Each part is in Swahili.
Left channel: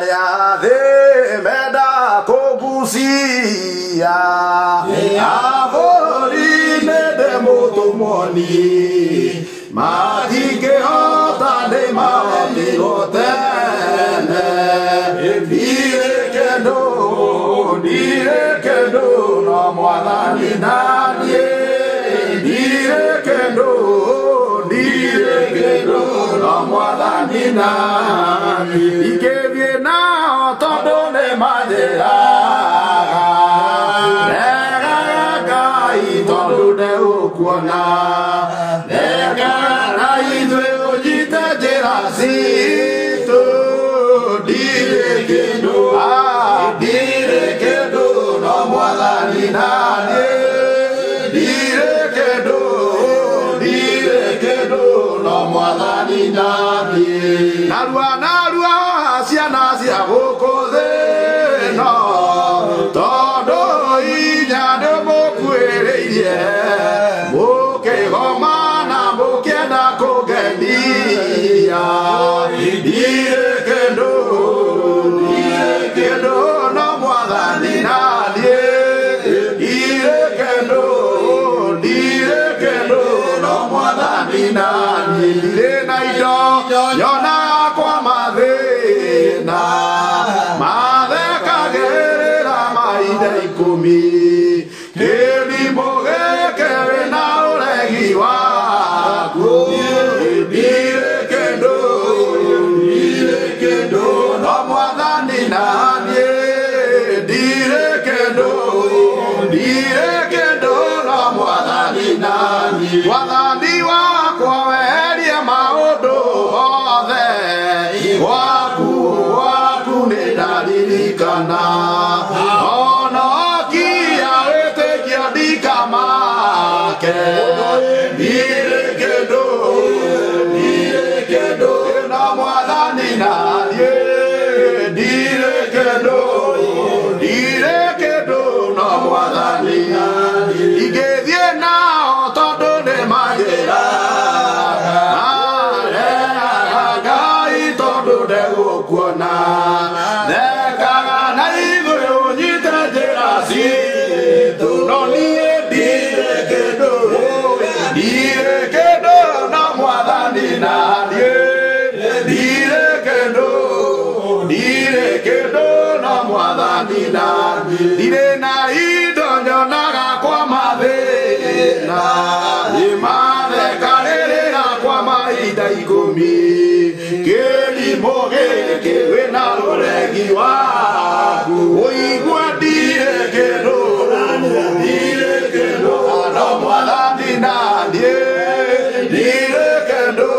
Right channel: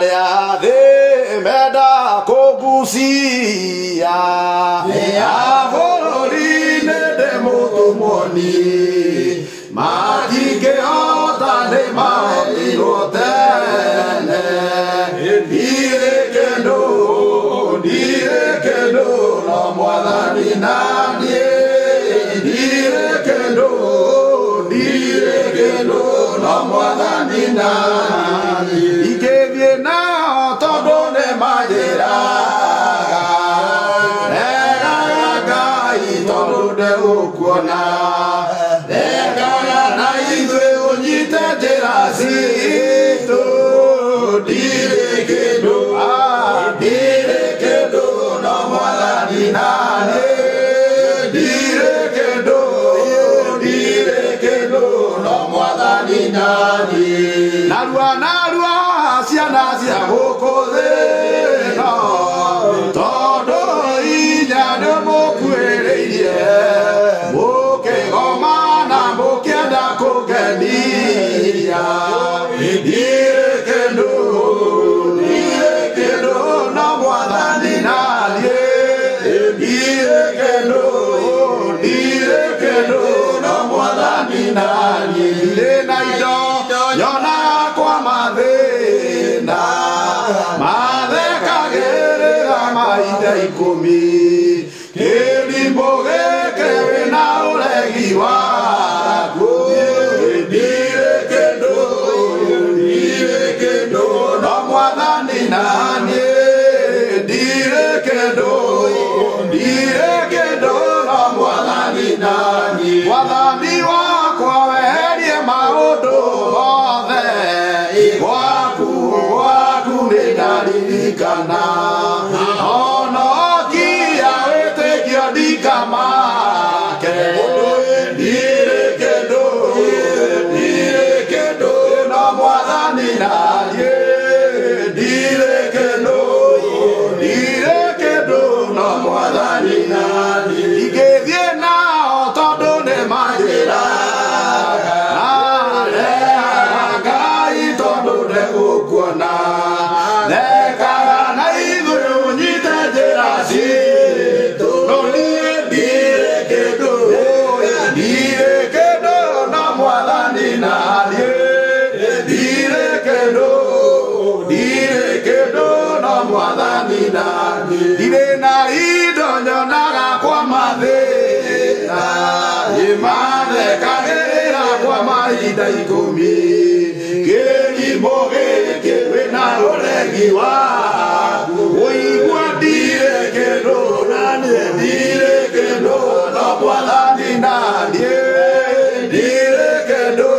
de meda kogusia avorine de motomoni madike ota de matirotene dire kendo no mwadani nadie dire kendo no mwadani nadie na todo ne madera nega i todo de okuona nega na idwe ojita terasito dire kendo no mwadani nadie dire kendo no mwadani nadie narua siana cia gukuthe no todo inya nĩ mũkuĩrĩirie mũkĩgoma na mũkĩenda kũngenia ndirĩ kĩndũ no mwathani na niĩ ndirĩ kĩndũ no mwathani na niĩ ndirĩ na indo nyonaga kwa mathĩna mathekagĩrĩra mahinda ikũmi kĩrimũ gĩkĩ wĩna ũregi waku ndirĩ kĩndũ no mwathani na niĩ ndirĩ kĩndũ no mwathani na niĩ mwathani wakwa weherie maũndũ mothe gwaku nĩ ndaririkana ona okia wĩtĩkio ndikamake ndirĩ kĩndũ no mwathani na niĩ ndirĩ kĩndũ no mwathani na niĩ ingĩthiĩ nao tondũ nĩ manjĩra ndegũkuona thekaga na igũrũ ũnyite njĩra citũ no niĩ ndirĩ kĩndũ no mwathani na niĩ ndirĩ kĩndũ no mwathani na ndirĩ na indo nyonaga kwa mathĩna mathekagĩrĩra kwa mahinda ikũmi kĩrimũ gĩkĩ wĩna ũregi waku ũigua ndirĩ kĩndũ no mwathani na niĩ ndirĩ kĩndũ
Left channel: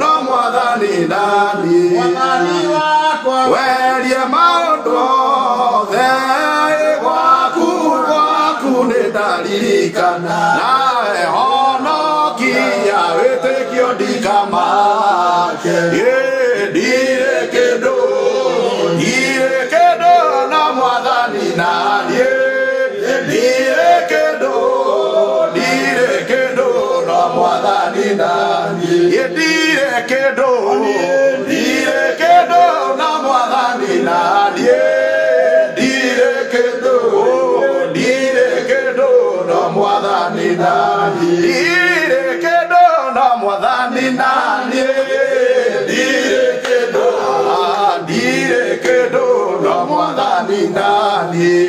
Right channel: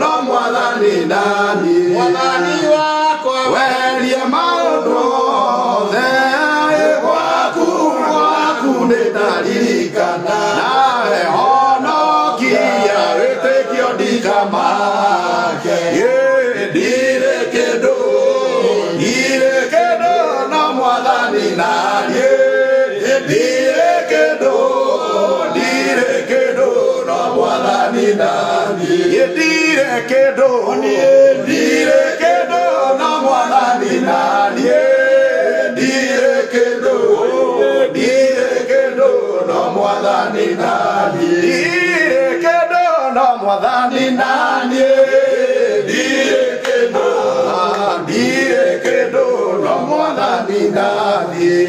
no mwathani na niĩ werie maũndũ othe gwaku nĩ ndaririkana nawe honokia wĩtĩkio ndikamake ndirĩ kĩndũ no mwathani na niĩ ndirĩ kĩndũ no mwathani na niĩ ndirĩ kĩndũ no mwathani na niĩ ndirĩ kĩndũ no mwathani na niĩ ndirĩ kĩndũ no mwathani na niĩ ndirĩ kĩndũ no mwathani na niĩ